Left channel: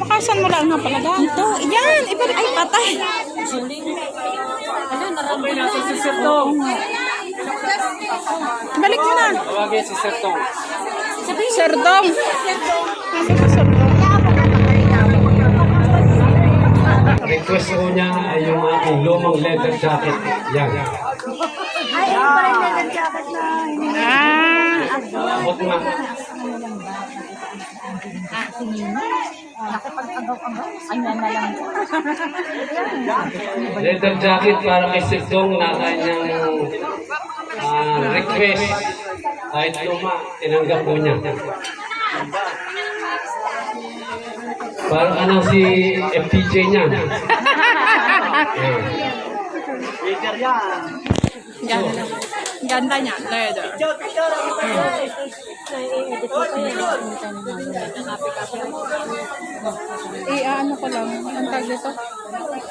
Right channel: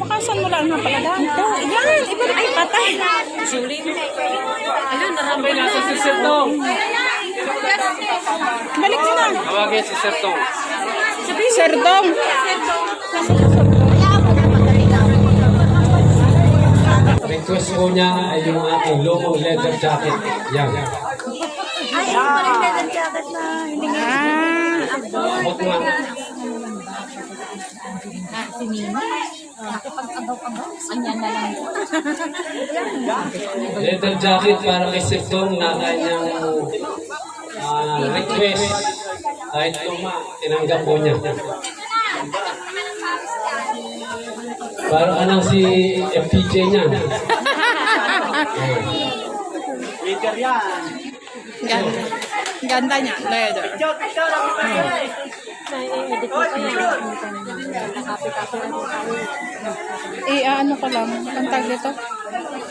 Makasan mo lang na palaga. Yan, ibalik mo. Balik mo na. Tawagin si Sir Tong. Serdong. Request ko niya ay yung aking lumang leather jacket. Yan. Abot nga. Leather jacket para kay Sir Tong na kanyang request. Kahit luma, tinanggap po niya. Parang anong si FPJ niya. Ganda. Ganda niya, leather. Ano ko lang, ang tag dito?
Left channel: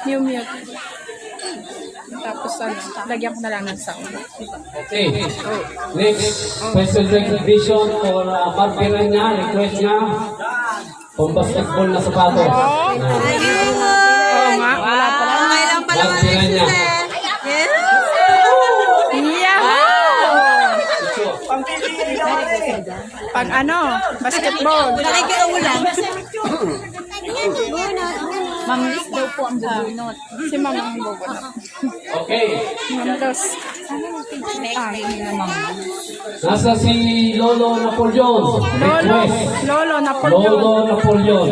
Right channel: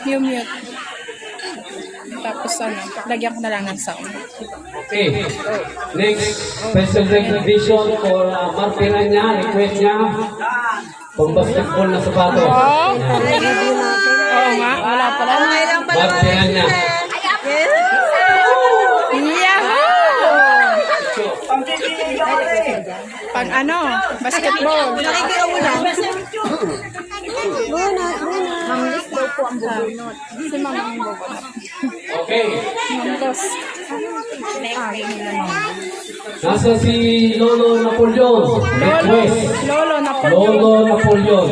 Mute. Tapos lagyan ko na lang ng sound. Okay. Next, special recognition for Marpina niya, request niya. Pang basketball na sapatos. Oo nga, wala pala. Marpina niya. Yahoo! Pang basketball. Ma'am Liz daw po ang bubunot. Si Ma'am ang bubunot. Okay. Ma'am Liz. Nasa si Lolo Napoleon. Lolo Napoleon. Lolo Napoleon.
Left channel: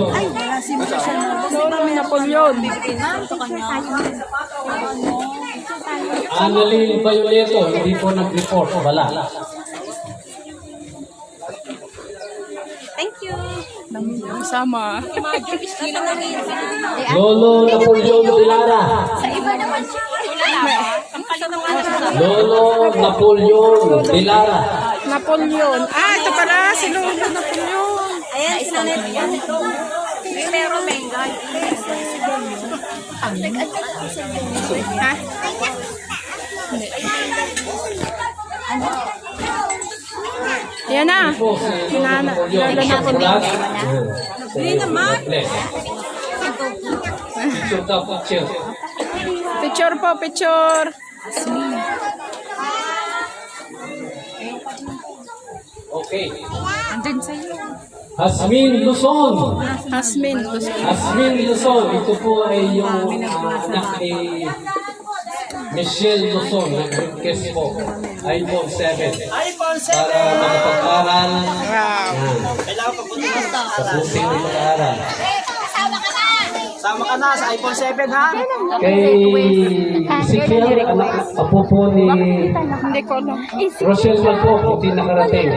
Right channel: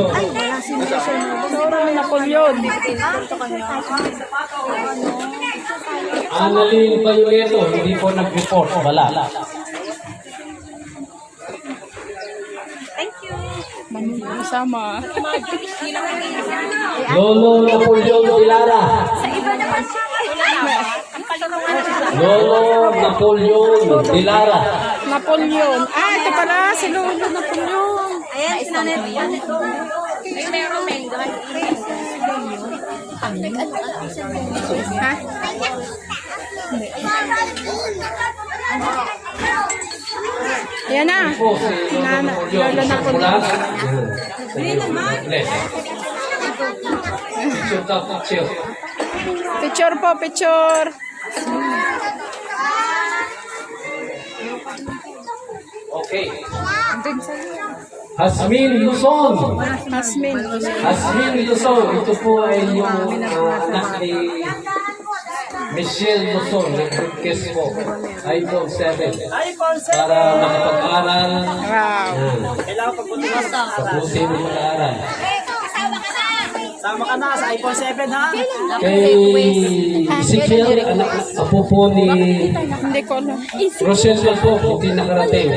Lolo Napoleon. Annalyn Violeto, hindi po nag-report. Wala. Sama. Lolo Napoleon Dilara. Lolo Napoleon Dilara. Napoleon. Ito pala si Lolo Napoleon. Ayan, sila na yan. Ha? Hindi. Yan na. Sinana. Lolo Napoleon. Hindi naman. Picture po, picture. Okay. Hasmin Luzon. Hasmin. Hasmin Luzon. Ito po ay yung anak ni Michelle Luzon. Nag-request po. iPhone 7. Para makapag-aral. Wow. Kailangan pagbuti na sa Pabuting ng pag-aaral. Sama ka na sa iPhone 7 ha? Kay Ezekiel, apo po ni Hindi ko alam. Rochelle po, hindi nakarating.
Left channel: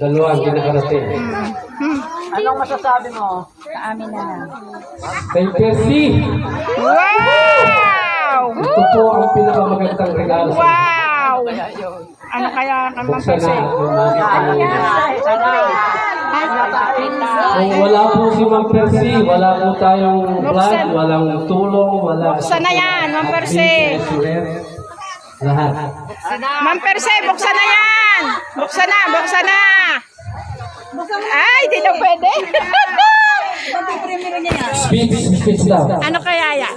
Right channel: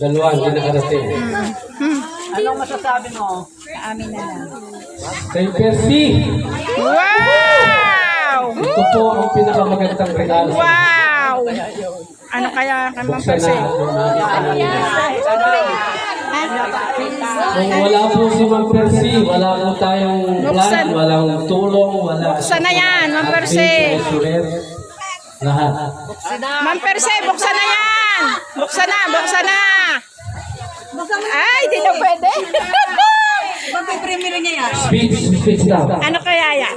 Dalawa hindi nakarating. Anong masasabi mo? Kay Percy, Wow! ito po ang pinakamagandang regalo. Wow! Ano kaya kang Buksan na. pagpapasay? Kung wala po si Ma'am Percy, wala po tayong plan, walang tulong, wala. Buksan na yan, Ma'am Percy. Lahat. Ma'am Percy, buksan na yan! Buksan na, buksan na! Ay, di daw pwede. Speech daw. Ano kaya yan?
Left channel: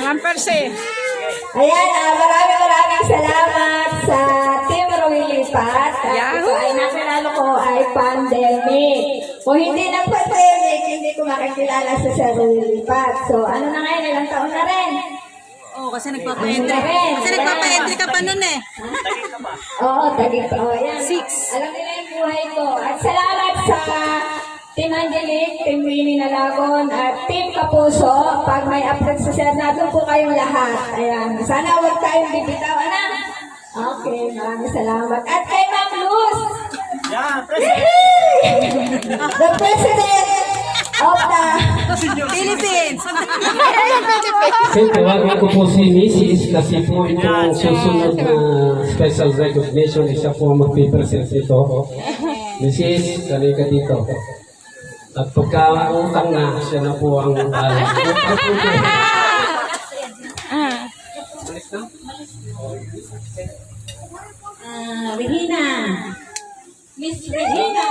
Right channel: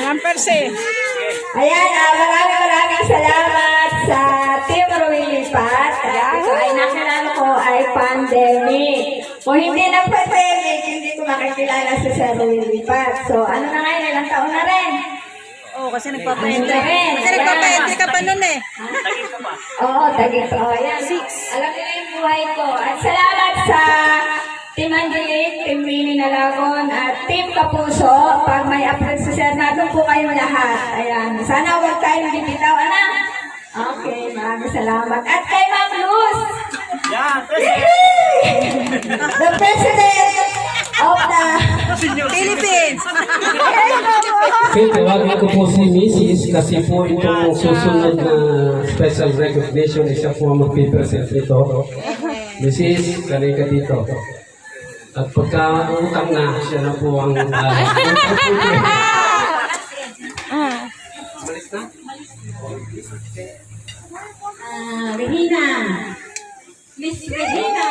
Ma'am Percy. Ayan, maraming salamat sa Team Rawilipat. Ito ay nakilala ko ay pandemic. Kung hindi nagpa-pandemic, hindi ko makikilala sa Sir Rawilipat. So, ano na ngayon, ilang taon na rin? Oo, kasi nagpapahintay ka pa nun eh. Oo, tagit. Ayan. 6. Alam nila yung buhay ko. At salamat sa Team Angelic, Team Winnie Nalagon, at Team Kapuso. Pag may upload sa Sir, nandun po kayong lahat. Ayan. Sana huwag tayong bibitaw, anak. Okay, maraming salamat. At kay Ma'am Luz. Yan, President. The President of the Philippines! Okay, tawagin ko po si Mrs. kasi po itong susunod na special recognition, isa po ang mag-present nito. Mrs., kanay ka dito. At pagka-utang na, siya na po ang Regina. Miss Regina.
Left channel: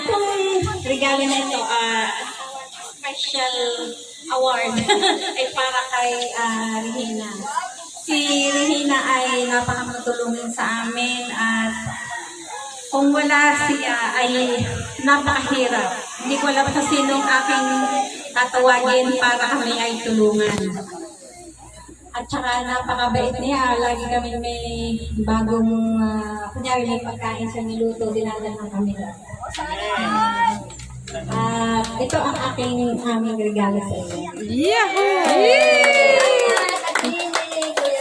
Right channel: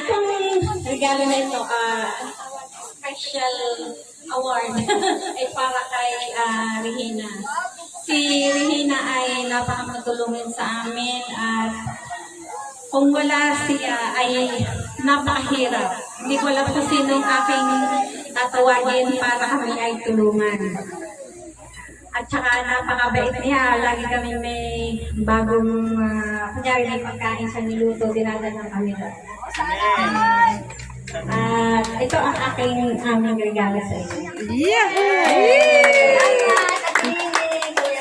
Itong regalo na ito, special award ay para kay Regina. Si Regina ay napakatulungin sa amin at kung wala siya ay napakahirap. Hindi ko alam kung sinong aking tatawagin para kami ay tulungan. At saka napakabait niya. Lagi kami may bagong, kunyari may pagkain sa niluto, dinadala kami doon. At ito ang aming regalo sa inyo. Yahoo!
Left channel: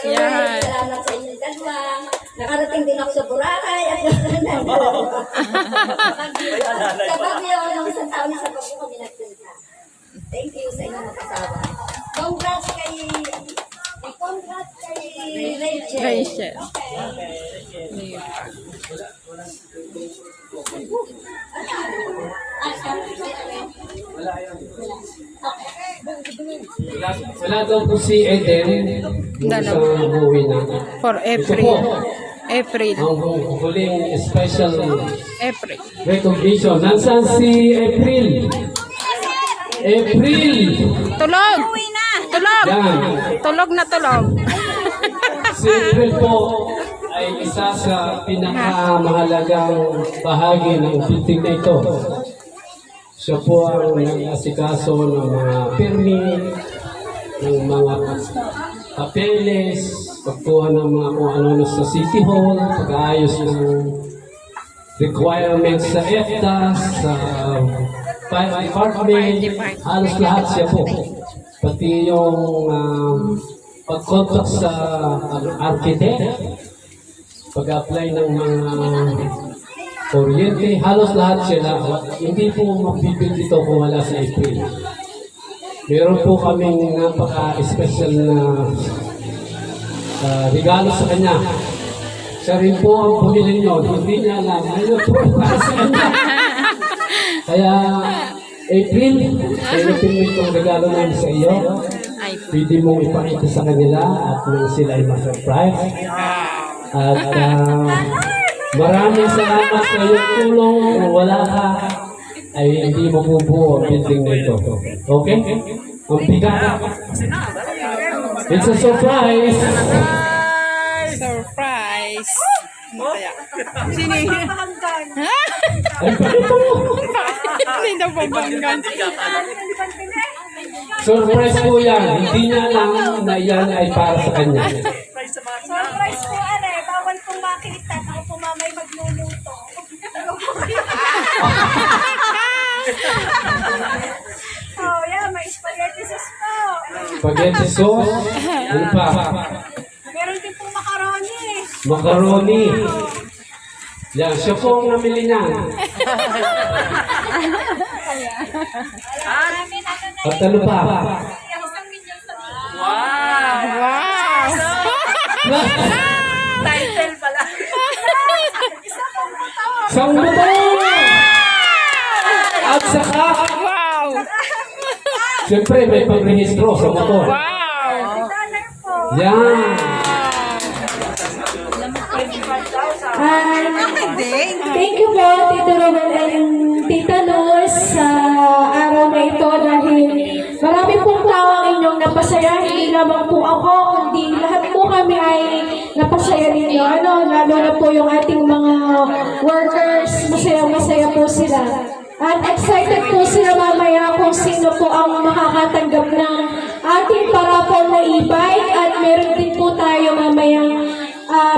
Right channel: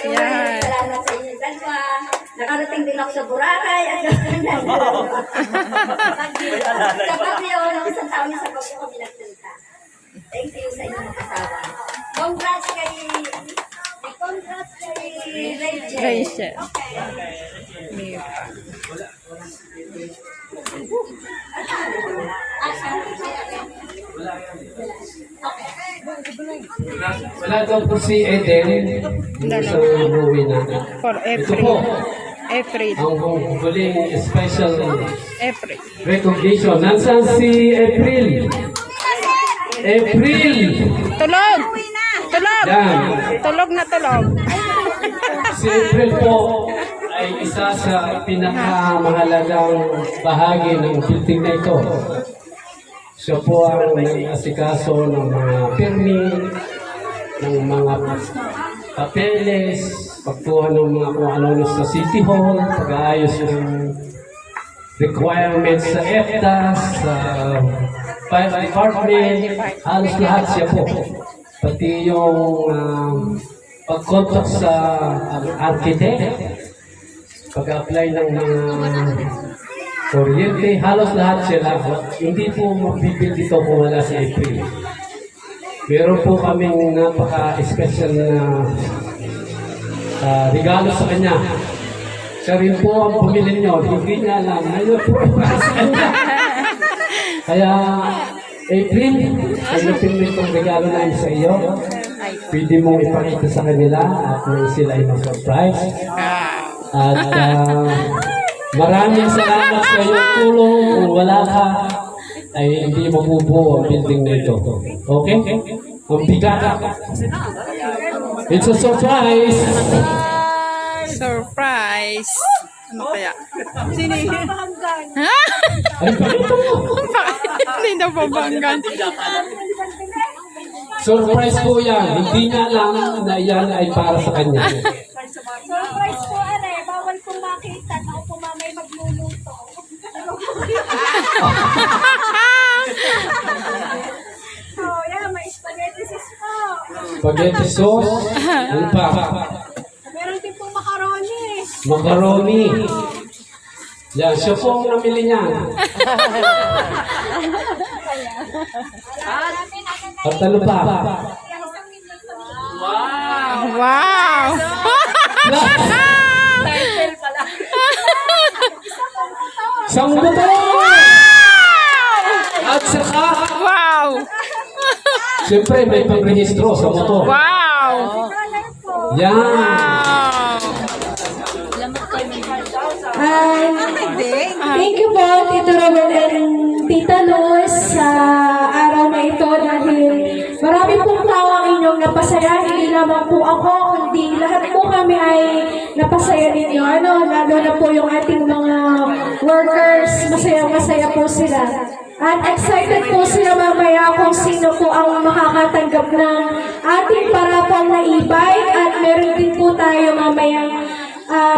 Yan. Salamat sa inyo dalawa. Nakarating din ako sa Boracay at sa Baguio, nung isang taon na sa Baguio kami nagpunta. Thank you sa inyong mag-asawa. Congrats kay Rachel. Rachel. Wala daw po si Eden. Sa buwi na. For Ito po, April. ang huling special April. recognition. Nasaan si April? April! Tulog! Tulog! Yan. Tulog na tulog. Si April po ay isa sa pinakamahalagang bahagi ng building na ito. Siya po ang nag-asikaso ng mga permit, ng mga papeles, pagkuha ng mga kung ano sa City Hall, pag-aayos ng requirements sa EFTAS, sa fire department, halos lahat siya po. Pati yung pag-contact sa architect, pag-apply ng mga kuryente, halos lahat sila. Hindi po mapipil dito kung wala si April. Meron po kaming napaka-special na regalo sa kanya. Siya rin po ang bumili nyo. Hindi niya alam. Ano po para sa kanya. Kaya, April, pinipinit kong regalo namin sa iyo. Pwede mong ipakita sa kanila at nang sila ay ma-surprise. At maraming salamat sa iyong tulong. Kung wala ka, ay hindi mabubuo ang building na ito. Okay? Ang bigat. It's a surprise! Surprise! Ano kaya? Ay, pakita mo! Hindi na babanggan. Surprise po yan. Hindi niya alam na yan ay para sa kanya. Surprise po, bawal pong makita. Ako po mamay magluluto. Oh, yeah, may spaghetti sauce po. Spaghetti sauce. Ano pa? Meron din pong macaroni. Macaroni. Yan, siya po ang namili niya. At ano pa? Wow! Title pala. Isang motor! At saka, Wow! siyempre may pag-rehistro sa motor. Wow! Dollar po. Yan. Thank you po, Tito Roel and Tita Luz, sa araw na ito dahil marami pong tao ang inyong napasaya. Hindi lamang po ako, kundi lahat po kami ay napasaya ninyo. Lalo na po yung ating mga workers, masaya-masaya po sila. At excited po sila mamaya kung sino po ang makakatanggap ng ating parapol na e-bike. At meron din po tayo mamayang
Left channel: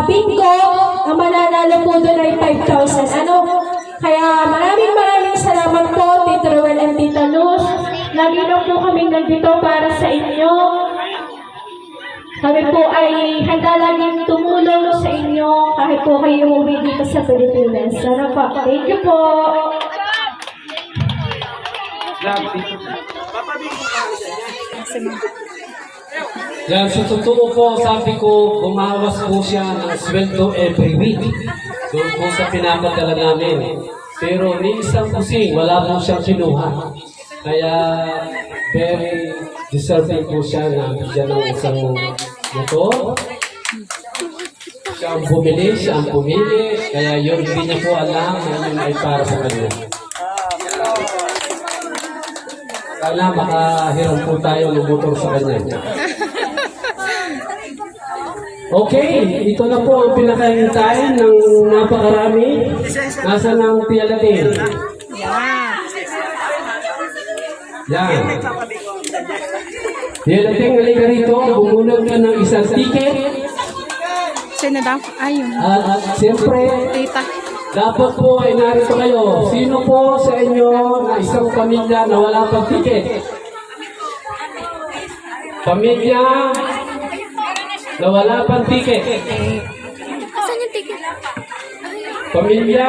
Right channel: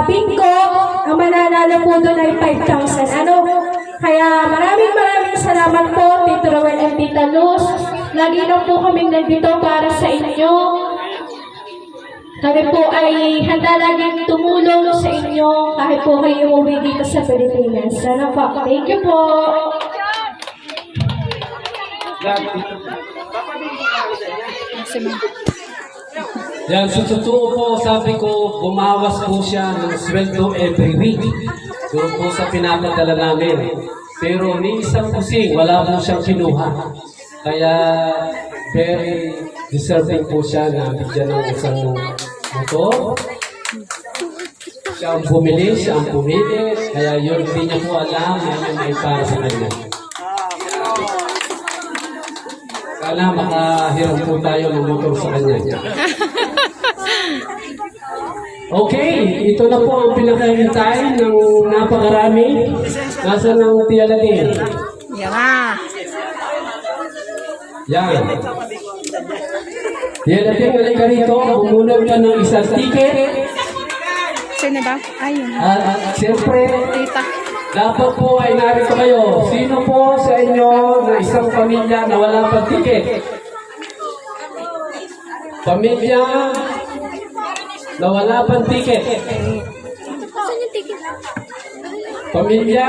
bingo. Ang mananalo po doon ay 5,000. Kaya maraming salamat po, Tito Roel and Tita Luz. Lagi na po kaming nandito para sa inyo. Kami po ay handa laging tumulong sa inyo kahit po kayo umuwi dito sa Pilipinas. Sana po. Thank you po. Yan, sa totoo po, sabi ko, bumawas po siya ng sweldo every week. Doon po sa pinapadala namin. Pero ni isang kusing, wala po siyang kinuha. Kaya, very deserving po siya na bigyan ng isang motor. Siya ang bumili, siya ang pumili, kaya yun, hindi niya po alam na yun ay para sa kanya. Sana makahiram po tayo ng motor sa kanya. Okay, ito na po ang pinakahintayin ng napakarami. Nasa ng Tialatin. Yan. Yan. Tialatin, halika rito. Bumulog ka ng isang ticket. Sino daw? Ayun. At siyempre, Tita. dapat po ay narito kayo. Sino po sa inyo na isang pamilya na wala pang ticket? Pamilya na wala pang ticket. Pamilya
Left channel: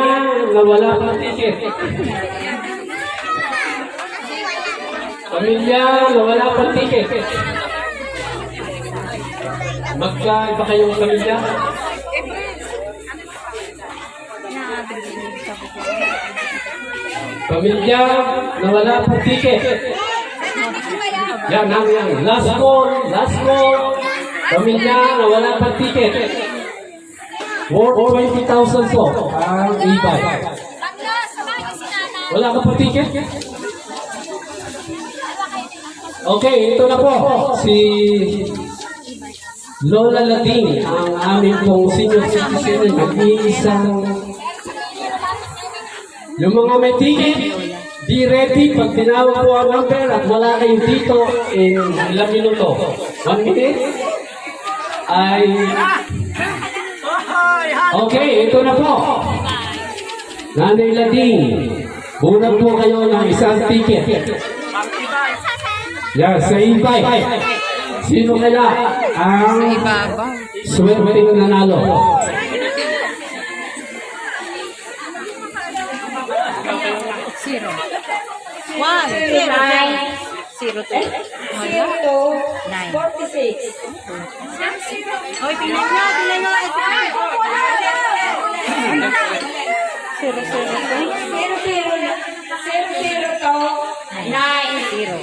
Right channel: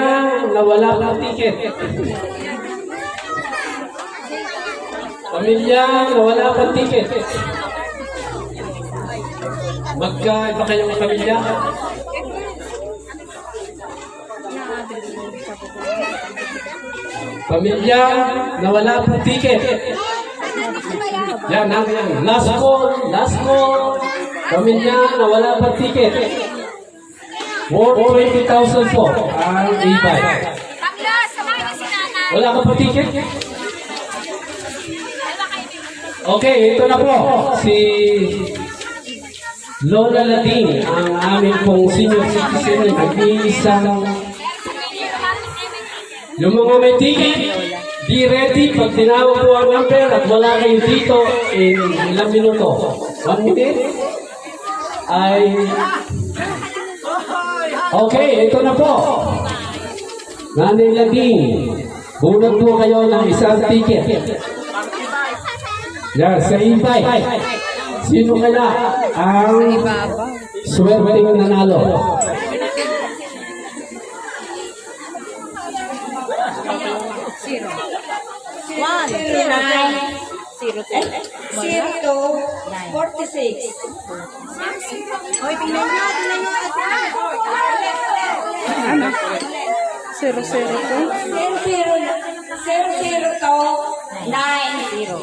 na wala pang ticket. Pamilya na wala pang ticket. Magkaiba kayong pamilya? Pamilya na wala pang ticket. Yan, yan. Last call, last call. Pamilya na wala pang ticket. Worth 20,000 po ang e-bike. Wala ka pang ticket? Okay, ito na po. Si Lola Lading, ang aming pong senior citizen, nag-iisang yung mga may ticket, be ready pag tinawag po ang number at wala kayo dito in ilang minuto. 1 minute? Ay... Okay, ito na po. Nanay Lading, bunag po kayo ng isang ticket. Yan, sa e-bike. Sino kaya ang swerteng nanalo?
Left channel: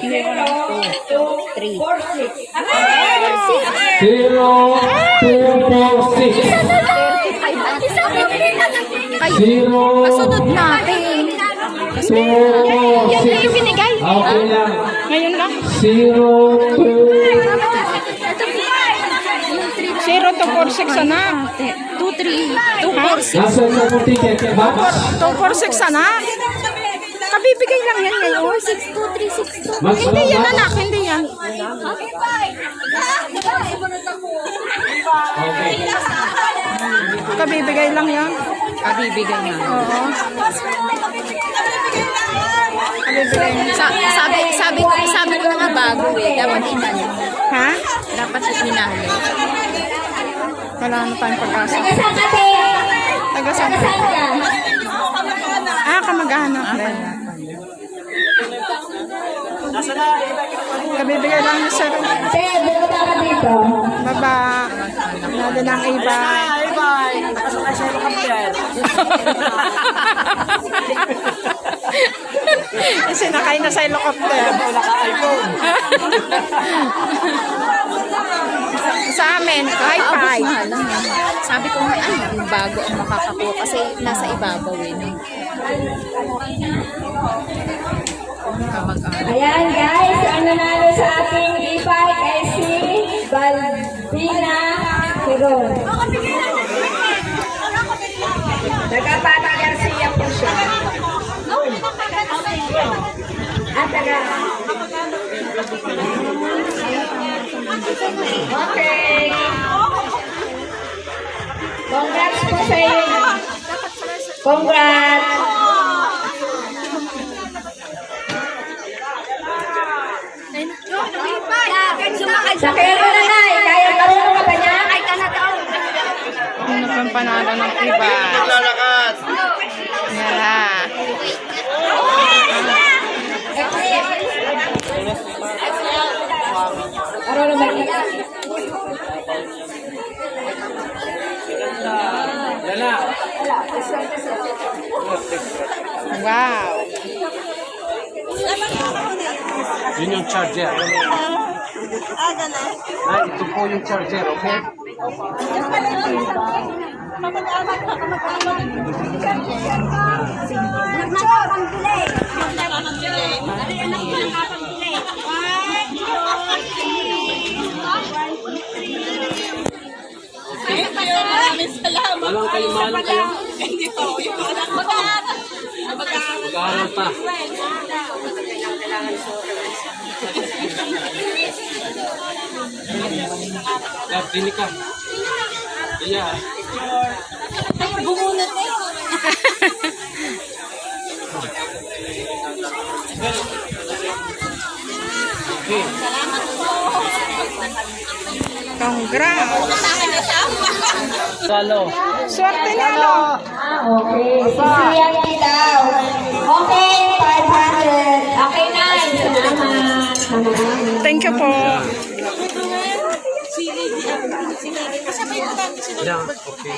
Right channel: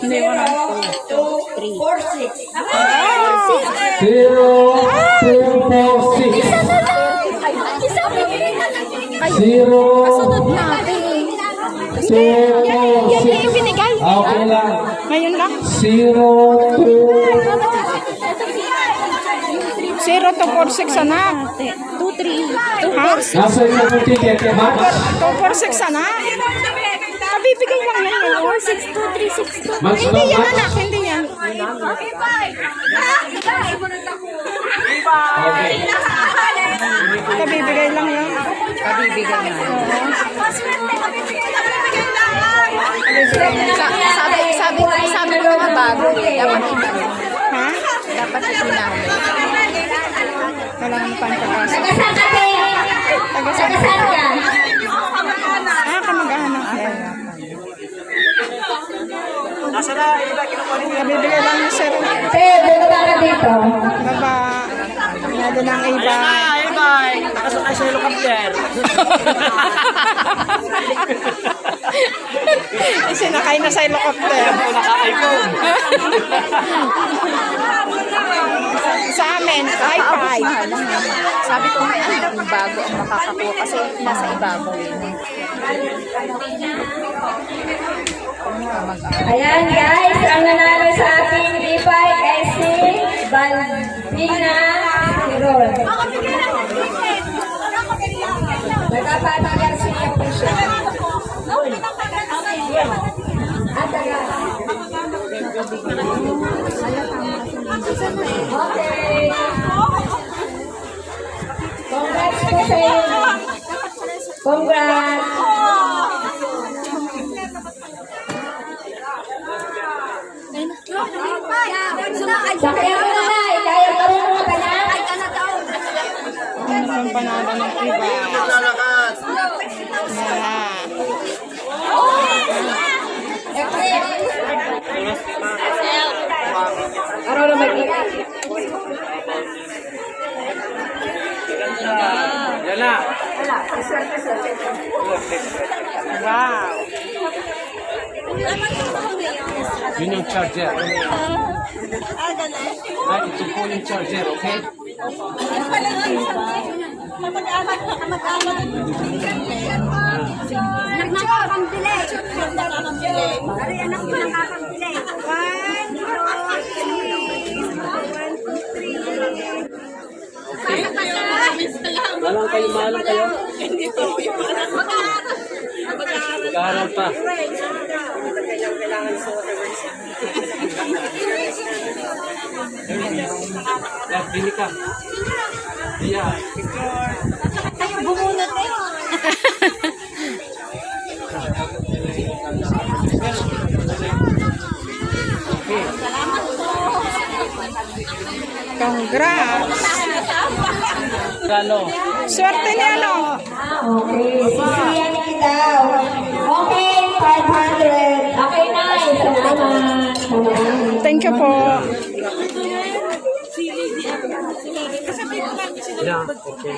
Zero, 2, 4, 6. Zero, 2, 4, 6. Yan yung ibinigay. Okay lang. Ngayon lang. 0, 2, 0246 anak. 2-3. Ha? nasa isang ticket, Max? 246 anak. Kabibigay lang yan ngayon. 6-2-3-6-2. Max, Hindi yan Max? anak, hindi yan. Okay. Kabibigay lang yan. Kabibigay na. Oo. Sabi ko naman bago eh. Dapat inano. Ha? Dapat inano. Wala naman tayong pag-asa. Taga-saan ate? Taga-saan? Taga-saan ka? Ah, kamag-anak. Nasa na, iba kinukuha niyo. Kabibigay lang niya sir. Ate, buta na dito. Baba. Nado ng iba. Bye, bye. Nakasakay sa helicopter. Sinakay na sa helicopter. Wala ka iPhone. Sa amin, high five. Sabi ko ang bago ang makakakuha kasi nasa ibabaw eh. Ayan guys, ang nanalo sa ating e-bike ay si Balbina Tirol. Nagpapatayar siya po siya. At taga... Okay. Congrats po sa inyo. Congrats. Sakyan mo na na, kaya marunong ka ba niya? Ano pang panalo ng iba? Yeah. Araw na mag-iba. Gala. Wow. Yun yung charger. Ay, ito po yung charger, okay? Nakakambili. Ari, anak ko nakakambili. 1, 2, 3. Malang kayo. Hindi po, yung anak ko. Mag-aaral pa. Dini ka. Iya. Kayo bumunot eh. Congrats! Galo. Swerte niya, ano? Okay. Sisiyan daw. Okay, 500. Okay, nice. Salamat. Thank you po. Yeah, okay.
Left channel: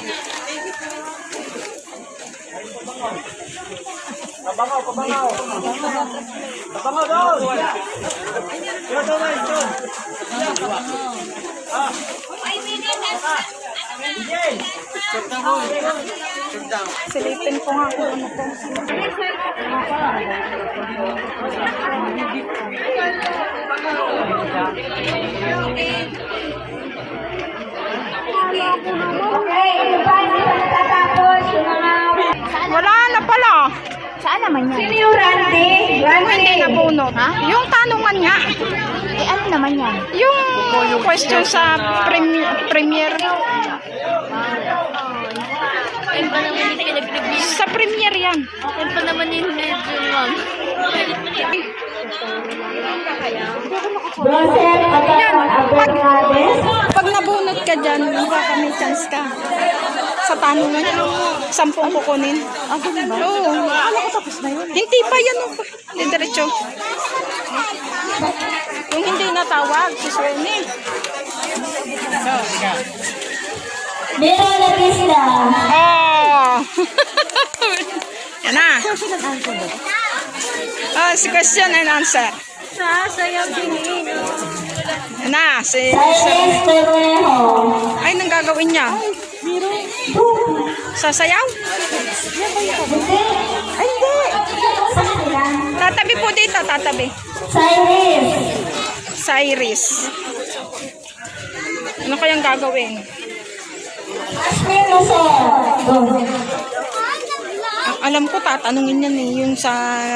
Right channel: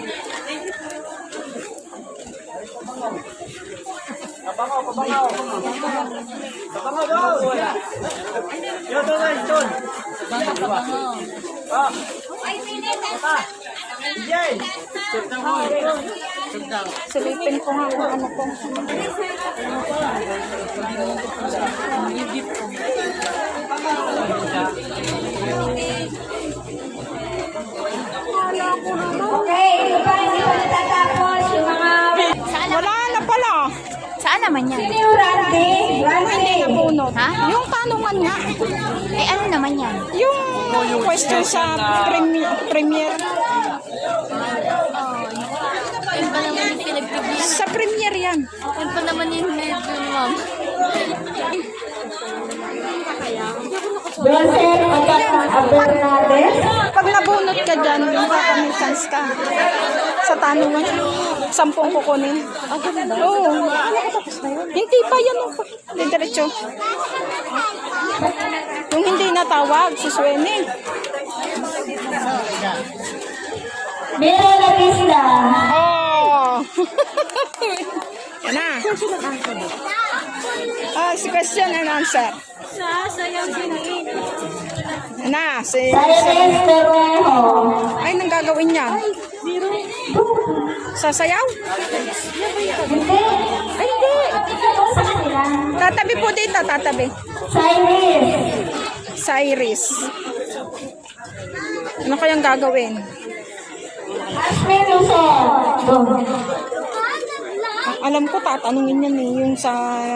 Silipin ko nga kung ano po. Okay, ito pa, hindi pa natatapos. Yung mga... Wala na pala. Saan naman yan? Sino yung Randy? Yung hindi nabunot. Ha? Yung tanungan nga. Eh, ano naman yan? Yung question sa premier. Sa premier yan. Akin pa naman yung medyo, ma'am. Joseph Abernades. Pag nabunot ka dyan, may chance ka. Sa tanungan, 10 kukunin. Oo. Hindi pa yan. Hindi diretso. Yung hindi natawag, si Sueni. Miro Lapista. Oh! Yan na. Si question and answer. Yan na. Si Sir. Cyrus Terrejo. Ay, nang gagawin niya? Sasayaw? Hindi. Hindi. Sa kanila. Tatabi po dito, tatabi. Cyrus. Cyrus. Ano kayang gagawin? Asmin Luzon. Alam ko, tatanungin yan eh. Yung sa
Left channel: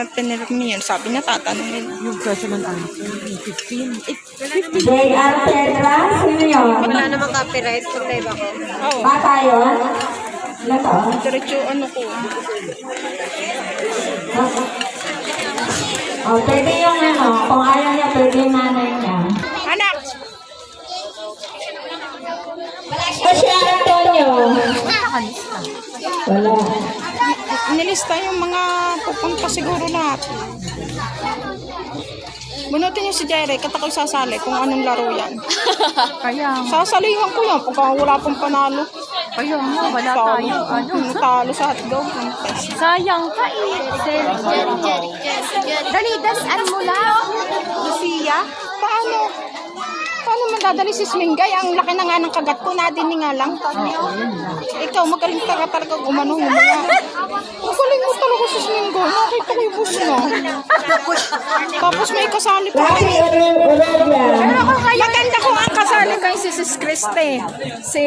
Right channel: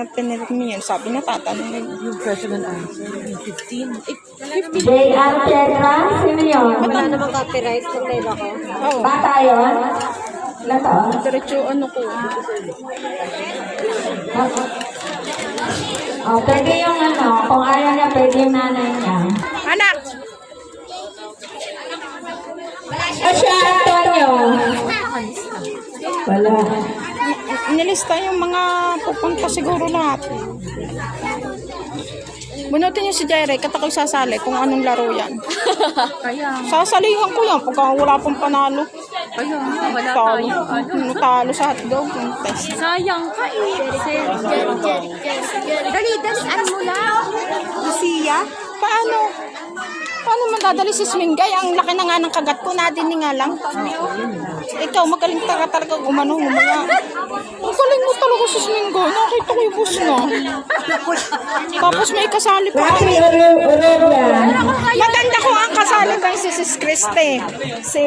pinirmi yun, sabi niya tatanungin. Yung question and answer, 15. J.R. Terra. Sino yun? Wala namang copyright, okay ba ko? Oo. Bata yun? Ilan to? Diretso ano ko. Oh, pwede yung ano. Kung ayaw niya, pwede yung nanay niya. Anak! Kasi Antonio. Wala. Nilista yung mga pupunta siguro lahat. Bunutin niyo si Jerry, katakoy sasali kung anong laro yan. Sasalihan ko yan pagka wala pong panalo. Ayun nga, wala Talo. tayo. Talo sa hotdog. Yung test. Sayang ka eh. Dali, dalian mo na. Paano? Paano man dadali si Smingay? Ang laki na nga ng kagat ko, nadinig nga lang. Ikaw, magaling talaga gumano mo mga. Magaling mo talaga si Smingay. Nakita ko yung bus mo. Tapos may kasali pa Rafi kami. Orobia. Maganda ko ang kasali kay si Sis Christy. Si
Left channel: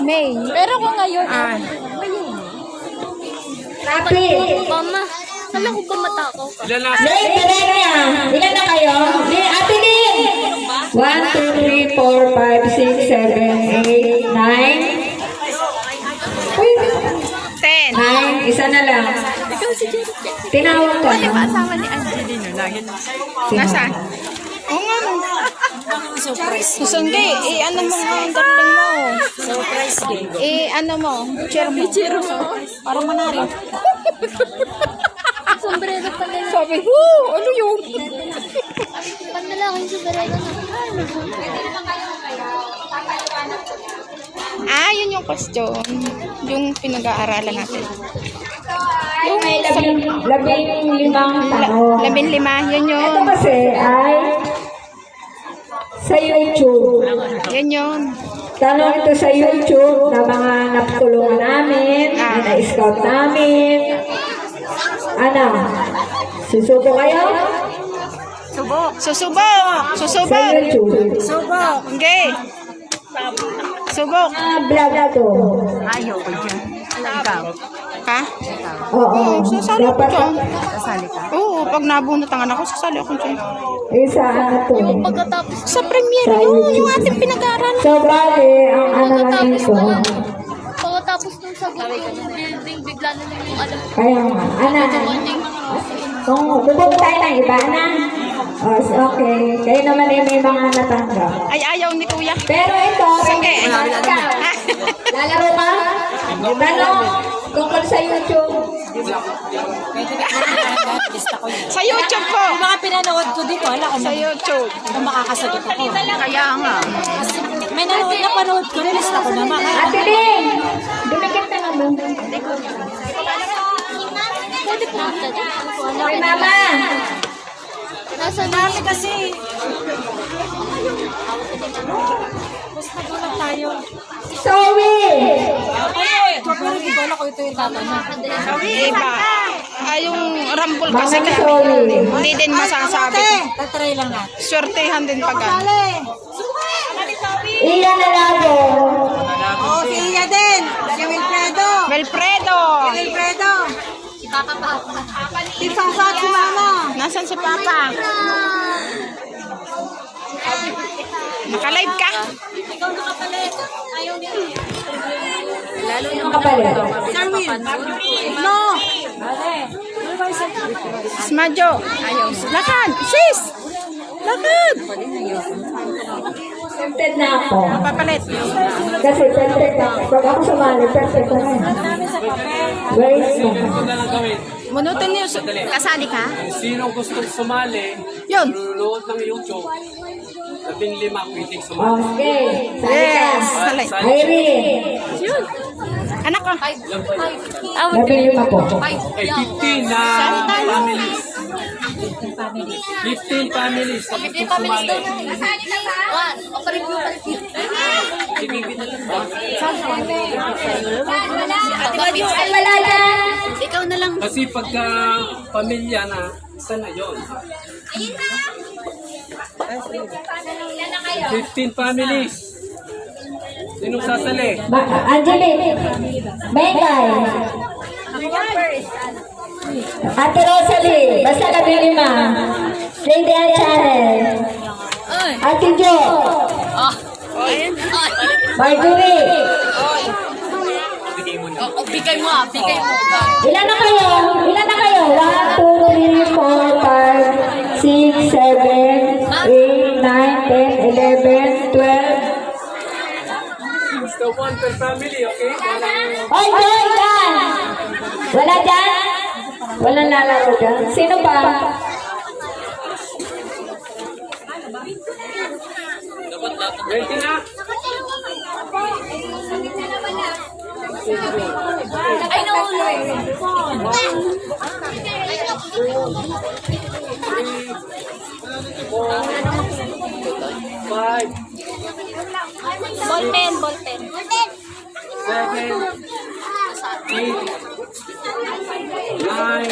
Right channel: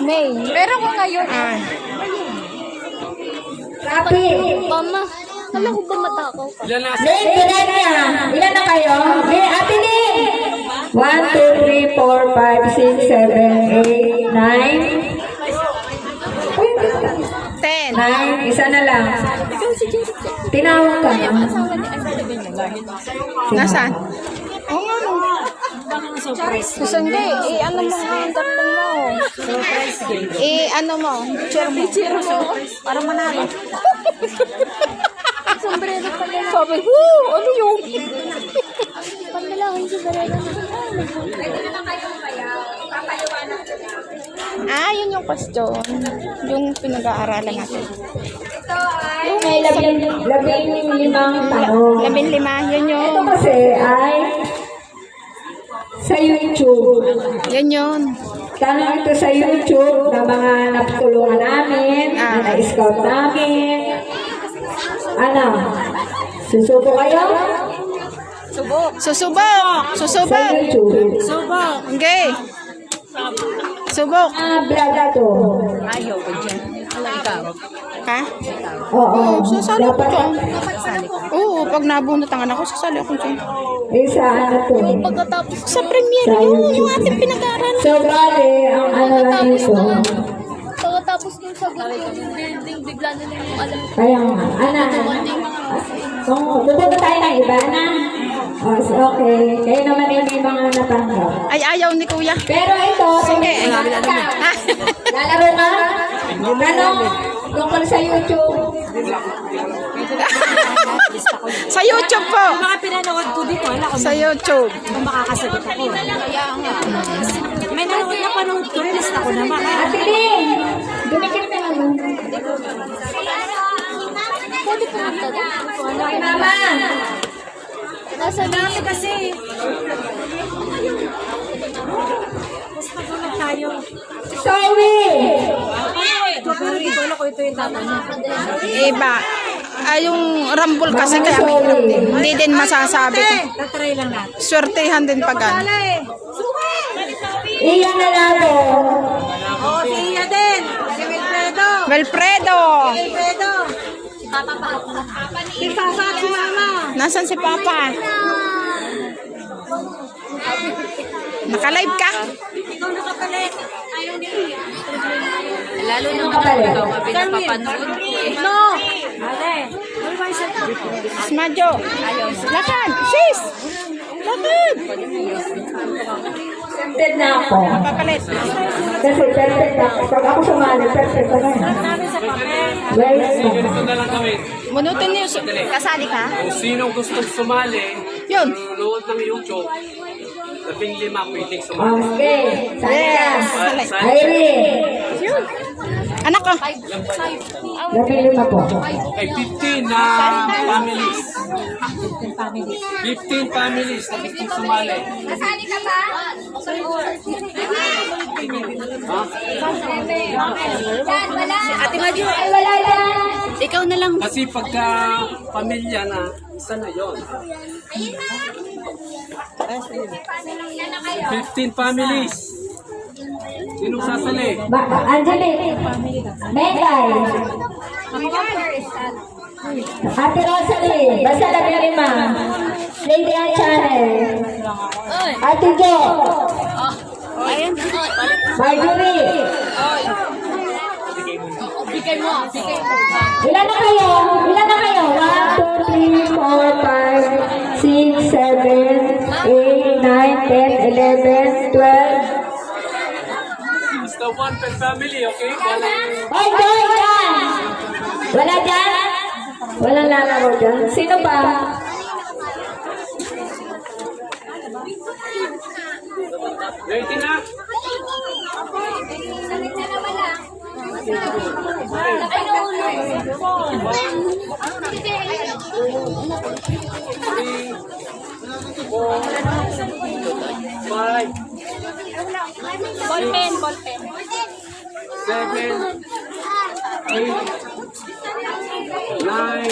May. Pero ko ngayon, Ah. Rafi. mama, alam ko ba matakaw ka? Ilan na? Lin, bilang na yan. Ilan na kayo? Lin, Ate Lin. 1, 2, 3, 4, 5, 6, 7, 8, 9. Uy, 10. 9. Isa na lang. Ikaw si Jerry. Tinawag ka Yung na. asawa ni Angelina lagi na. Nasaan? Oo nga no. Susungge, ano mo nga ang galing mo. Ano mo, chair mo. Para manalo. Sombrero pala lang. Sabi, woo, ano yun? Panalangin sombrero na. Yun yung question. Yung pinag-aaralan natin. Ay, may 15 tanong. 15, yun yun. Ito kasi ay sa YouTube. Yun yun. tanong ito sa YouTube na mga naputulungan namin, na na-scout namin. Ano? Susuko kayo? Susubok. Sa Susubok. YouTube. Okay. Subok. Vlog to. Ha? Oo. Sasali ko Dapat ka. Oo, pag nabunot ang anak ko, sasali ako dyan. isa ano to. Sa premiere Sa ko, yung YouTube. ating pinag-aaralan. So, grabe, ang ano lang ito. Pagkatapos nung sagot ko yung building, bigla na lang yung alam ko. Kaya nga, bubog tayo ng iba na. Oh, okay. Kayo naman ay may mga natanggap. Ay, ayaw ni kuya. Pero ito, Sige. lalaro ka? Ano? Tungkol sa YouTube. Sa YouTube po. Yung mga pinanood ko dito, wala ko Sa YouTube. kung makakasagot ako. Kaya nga. May napanood ko, nilista ko naman. Ate Bing, dumikit na naman. Pwede pumunta doon. Okay, mama. Nasa Dami kasi. Basta doon tayo. Zoe! Pero di ko alam kung ito yung tatanong. Iba. Yung rumble kasi Mama, kami, sorry. hindi din masasabi. Tatry lang natin. Swertehan din pag ano. Iyan na lalo. Iya din. Si Wilfredo. Wilfredo. Wilfredo. Isasat si mama. Nasaan si Papa? Naka-live ka? Ikaw nakapalit. Ayaw niya. Kapalit. Sir Will. No. Ale. Ano ba yung cellphone ko? Smadyo. Lakad. Sis. Lakad. Tempted na ako. Papalit. Kasi perfect na ako. Pag ako sumali, perfect ko na. Sulat namin sa papel. Guys, Ganito na lang gawin. Bunutin niyo. Kasali ka? Kung sino gustong sumali, Yun. nanonood ng YouTube, 15 pwedeng sumali. okay. Yes. Salay. Aileen. Yun. Anak ko. Nabili mo po. Eh, 15 na families. 15 families na gustong sumali. Nasali ka ba? Wala. Ay, wala dyan. Ikaw na lang. Kasi pagka pamilya na, isa na yon. 15 families. Sinong sasali? Angelique. Megay. Ate Rosalie. Basta nabili ma. Lady Ann Channel. Ate Jo. Marjorie. Bigay mo ah, bigay mo. Ilan na kayo? Ilan na kayo? 1, 2, 3, 4, 5, 6, 7, 8, 9, 10, 11, 12. Basta one per family, okay? Walang... Oy, boy, dyan! Wala dyan? Walang lalaro dyan? Sino ba? Ready na? Ay, nauna. 5, Ballpen, ballpen. 7, 8, 9,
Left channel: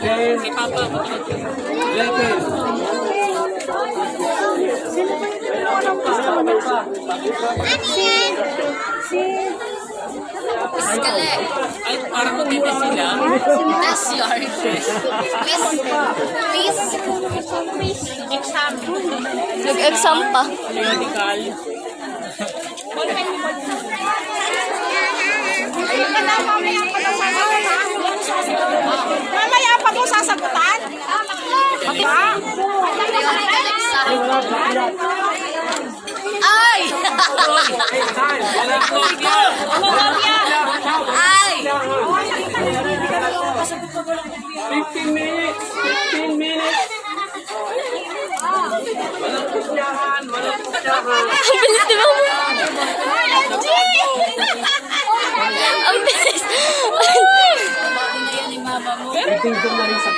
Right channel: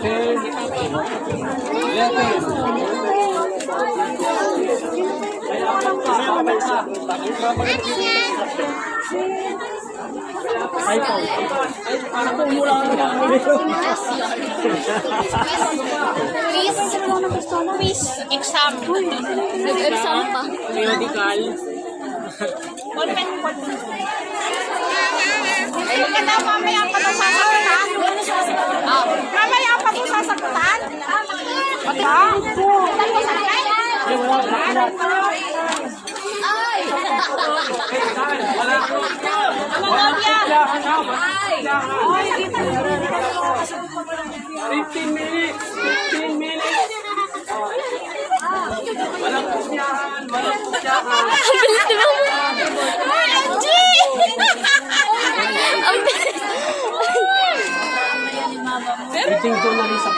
10, 11. Ay, parang matindi sila. Yes, sorry. Please, exam. Nag-exam pa. Medical. Mamaya pa ito sasagutan. Mamaya pa ito sasagutan. Ay! Ay! 15 minutes! 15 minutes! Walang pusyahan! Walang pusyahan! Ang bilis ni Mama! OMG! Ang bilis! Meeting ko na rin sa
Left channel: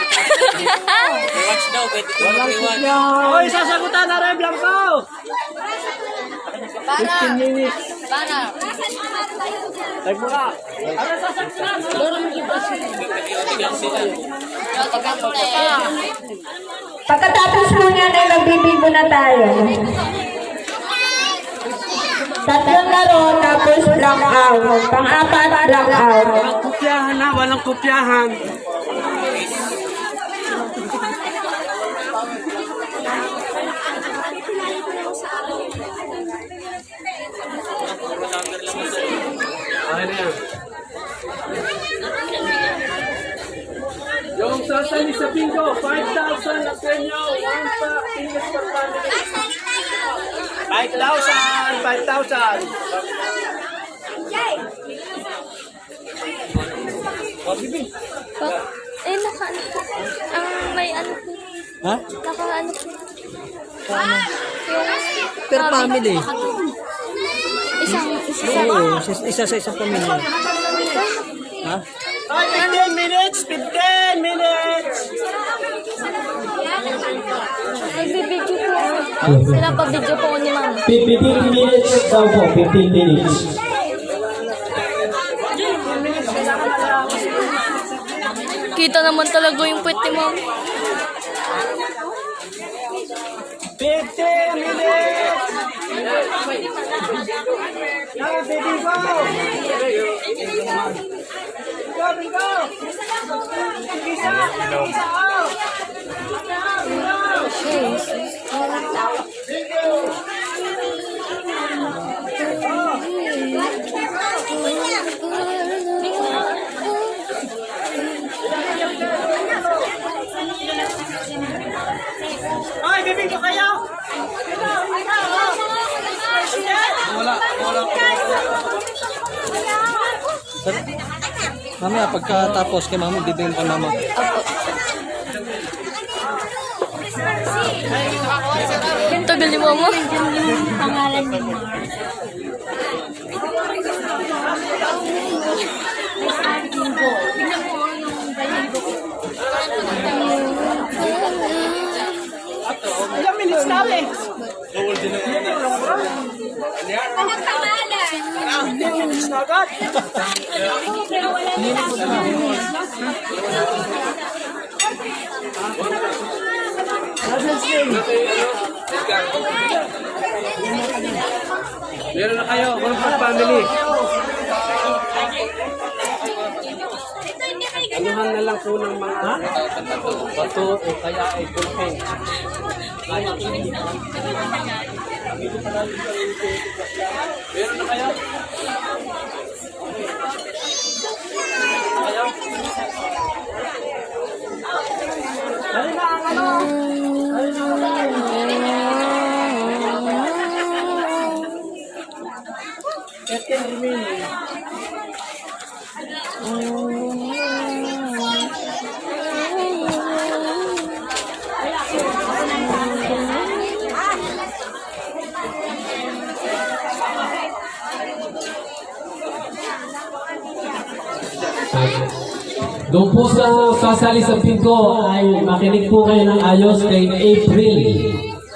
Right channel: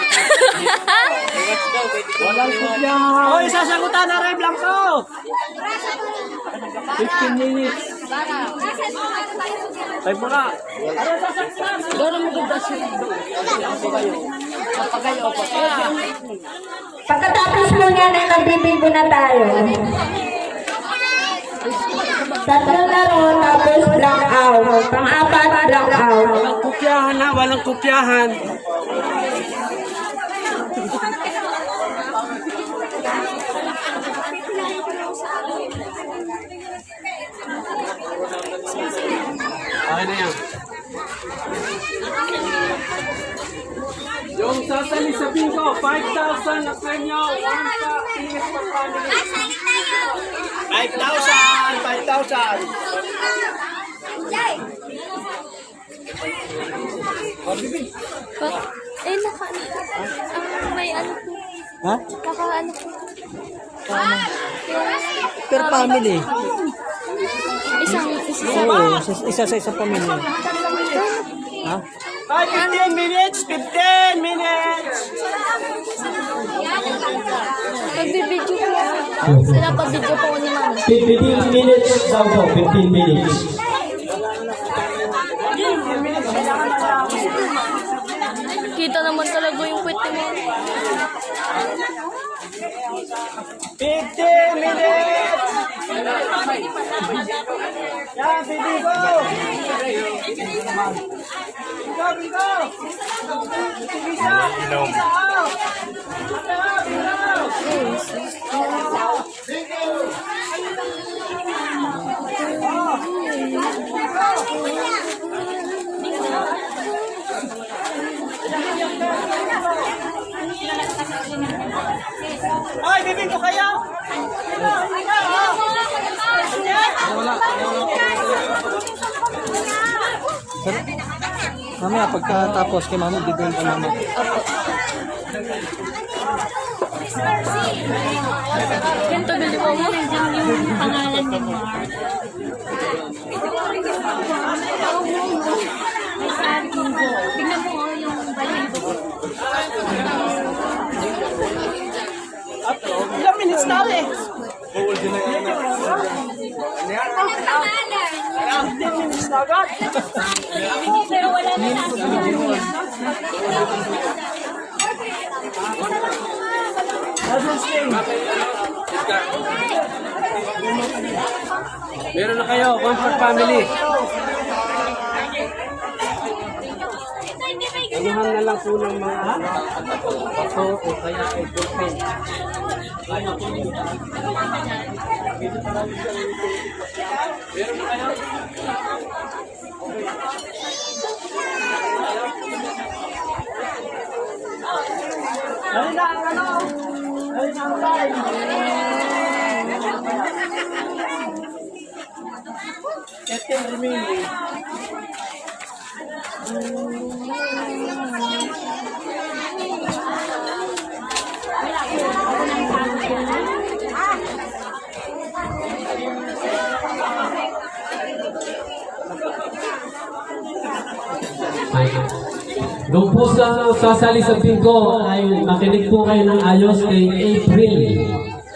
Walang pusyahan! Hoy, sasagutan na rin, Blanco! 15 minutes. Type mo ka. Pagkatapos muna na magbibigo na tayo. Tatlong laro, tapos blackout. Pang-apat, blackout. Walang kopyahan na, walang kopyahan. Okay na yan. Yung sasali sa bingo, 5,000 ang premyo, 1 pack, tickets per family. 5,000! 5,000! Naka-ano po. May ano po. Ha? Naka-ano po. Paano? Yung... Per family. Isang Oo, isa sa isang pamilya. Ha? 15 minutes! 15 minutes! Magbibidyo po. Sila pabidyo po ni Mama. 15 minutes daw po, 15 minutes. Kita naman talaga yung puwet ni Mama. 15 minutes! Yan, baby, go! Go, go! Isa! Isa out! Ay, bibig ko kayo! Mamaya pagkatapos kay mama, bibigyan pa mama. Apo. Yung tagal ni Mama. Yung pangalan ni Mark. May saging go. Tingnan mo yung baligo ko. Ilang minutes namin? Walang pangalan. Minutes na agad? Pero wala na Meron na kayo, 1 per family. Anuhan na lang po ng mga bato o kaya ay ballpen. Meron na kayo? Dali na ang ano? Dali na ang line. 15 remaining. Doon po sa sasali sa bingo ay makinig po kayo ng ayos kay April.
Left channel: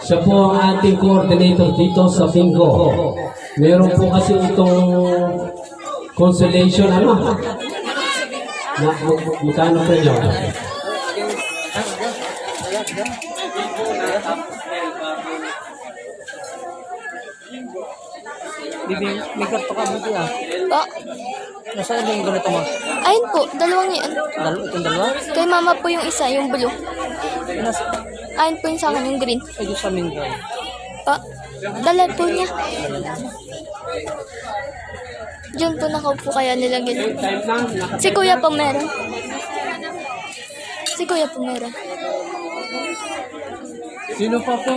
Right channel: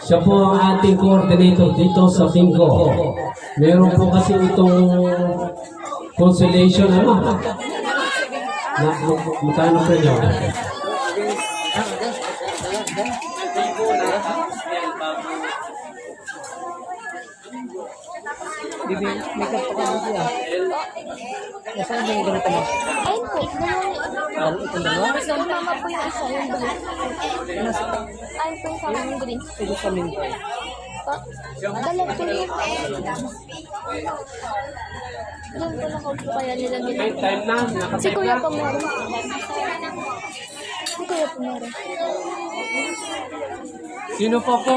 Siya po ang ating coordinator dito sa bingo. Meron po kasi itong consolation, ano? Magkano po nyo? Bibi, may ganito ka dito ah. Nasaan ba yung ganito mo? Ayun po, dalawang yan. Itong dalawa? Kay Mama po yung isa, yung blue. Ayun po yung sa akin, yung green. Ay, sa amin daw. Dala po niya. Diyan po nakaupo kaya nilagyan. Time na, Si Kuya po meron. Si Kuya po meron. Sino pa po?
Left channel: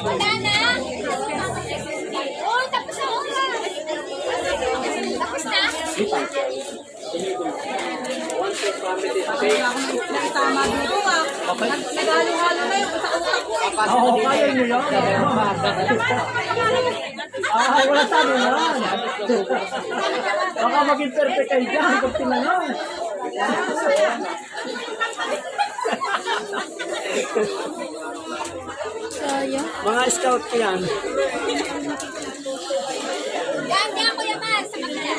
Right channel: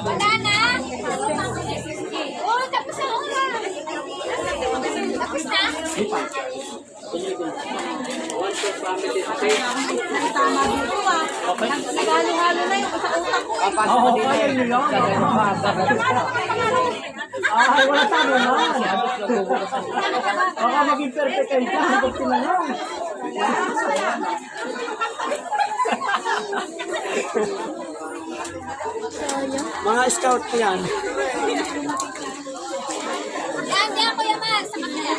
Wala na. Oh, tapos na oras. Tapos na. Tama dito ah. Naghalo-halo na yung utak-utak ko. Oo, kaya nyo yun. Ay, wala sabi naman. Baka maging perfect kayo dyan pag tinanong. Mga scout ko yan. Yan, yan, Kuya Max. Sa kanila.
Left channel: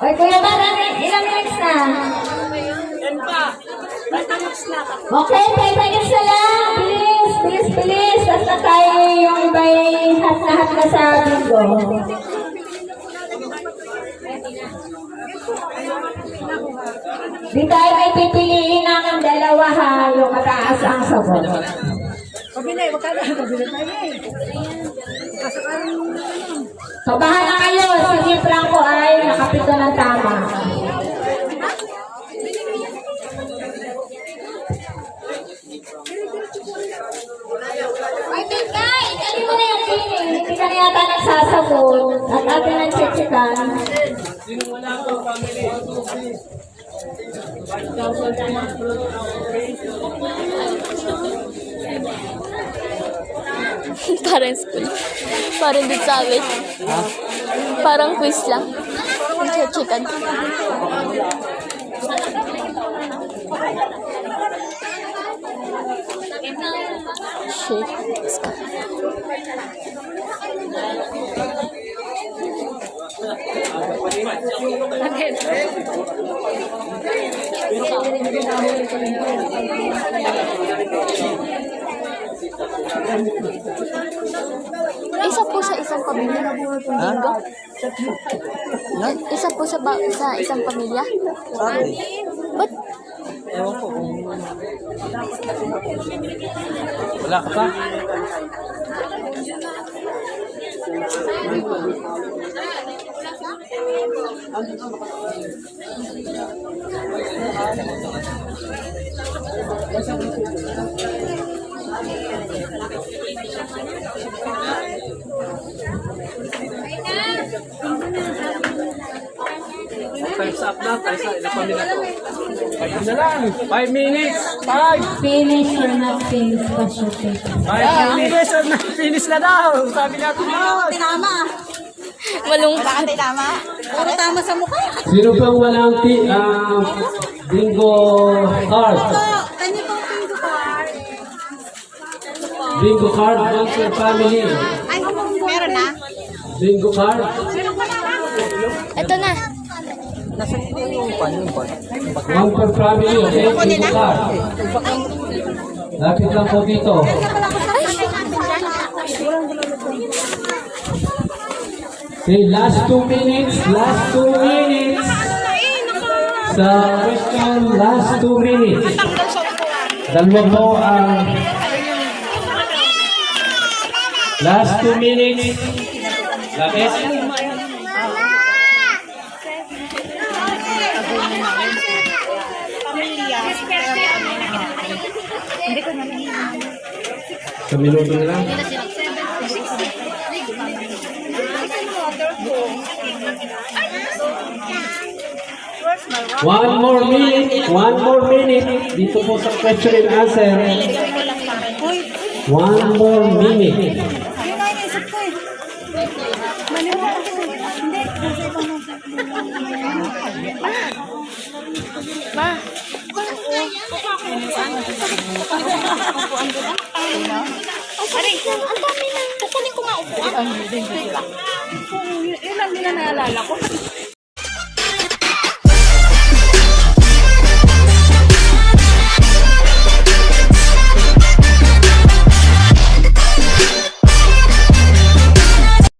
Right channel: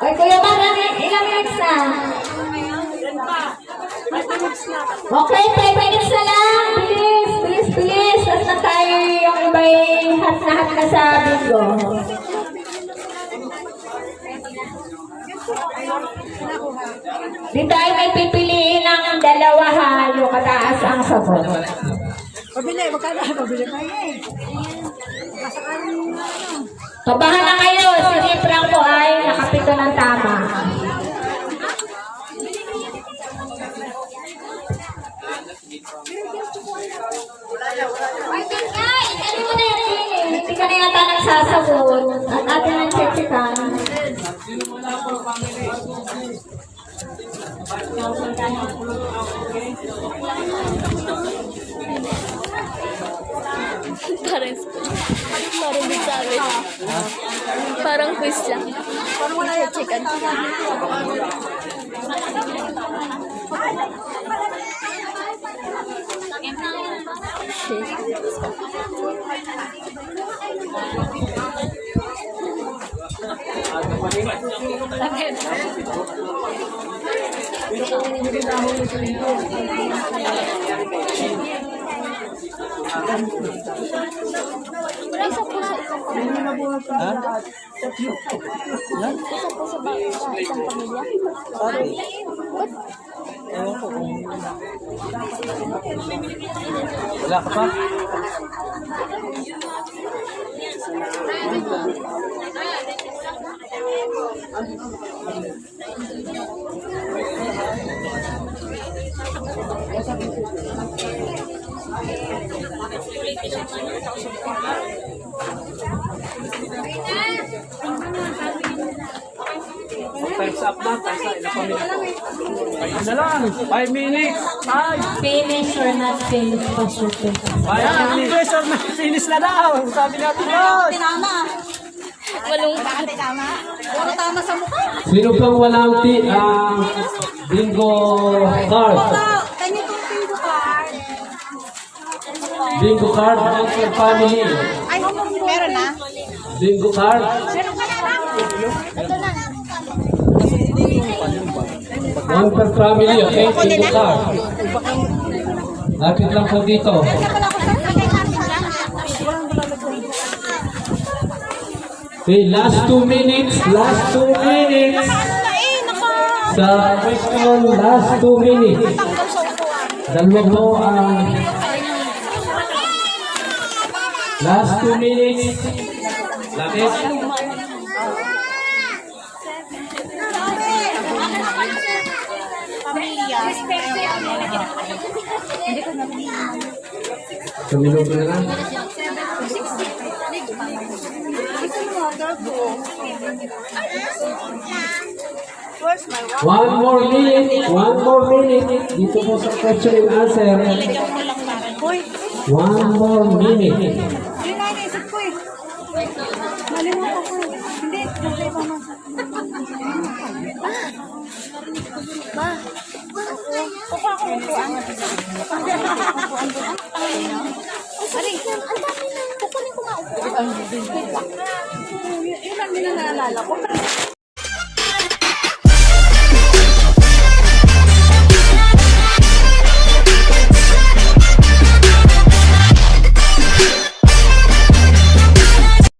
Ay, Oy, Kuya Bar, ilang minutes na? Okay, 5 minutes na lang. Bilis, bilis, bilis. At na tayo yung iba'y hat na sa bingo. Di tayo may pipiliin ng dalawa ha, yung mataas ang sabon. Pabili, magkano? Pabili tayo eh. Kabahan na kayo, si Rick Franco ay nakapito ng tama. Ay, Tintay. Hindi mo na yan feeling, hindi ka na yata nagsasabon at atin ang chechikan. Parang school. Parang din sa amin. Parang quiz lang. Chicken. Isa po sa isang pamilya. Bingo? Isa po sa isang pamilya? Ba't? Ewan ko kung... Wala ka pa? Time's up na. Time's up. Ilang pamilya to? 5 na lang. 5 minutes. 5. Finish or not finish, pa-shooting. 5 minutes or not finish na daw. Sabi natin yun. Tinama. Malungkot. Tinama. Puro tama sa mukha. Sino pang walang bingo card? Kanyo pang pingo card. Bingo card, one per family. Ay, meron na. Bingo card. Ito na. One per family, okay? Bingo card. Lapit lang po dito. Okay, last 2 minutes. Last 2 minutes. Sa question, last 2 minutes. Dalawa po ang last 2 minutes. Lapit. Sa minuto na lang. One more minute. Dito po sa question and answer. 1 more minute. Yun na inisip ko eh. Ma, Ang dami na. Kukunin ko nga upuan. Ilan nila naalala ko?